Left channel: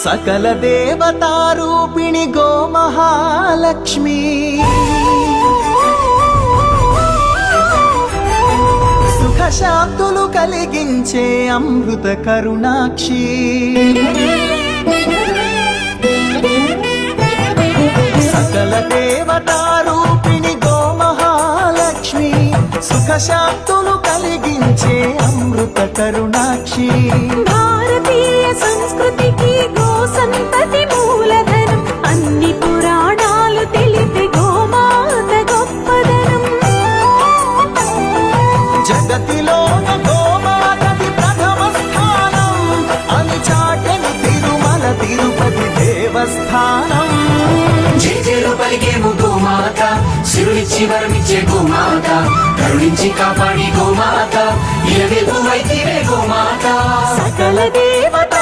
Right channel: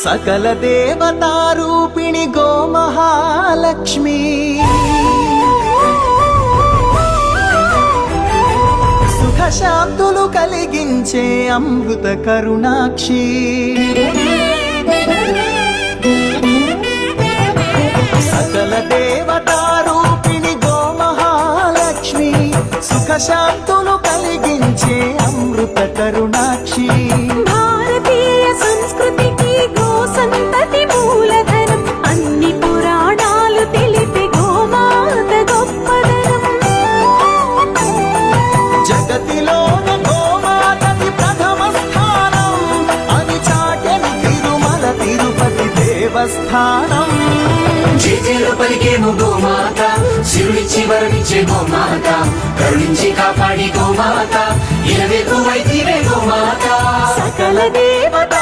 సకల దేవతారూపిణి గోమహాలక్ష్మి సుఖ శాంతులు కలిగించే అమృత కరుణాక్షి సకల దేవతారూపిణి గోమహాలక్ష్మి సుఖ శాంతులు కలిగించే అమృత కరుణాక్షి భారతీయ సంస్కృతికి గో సంతతి మూలధనం అన్ని పురాణాలు తెలిపే గోమాత గొప్పదనం జగతిలోన గోమాతది ప్రథమ స్థానం అని చాటెను తిరుమల తిరుపతి దేవస్థానం జేజేలు పలికేము గోమాత శివుడిచ్చి వరమిచ్చే గోమాత కరుణించి కాపాడి గోమాత ఇలవెల్పు వైతిరే గోమాత సకల దేవత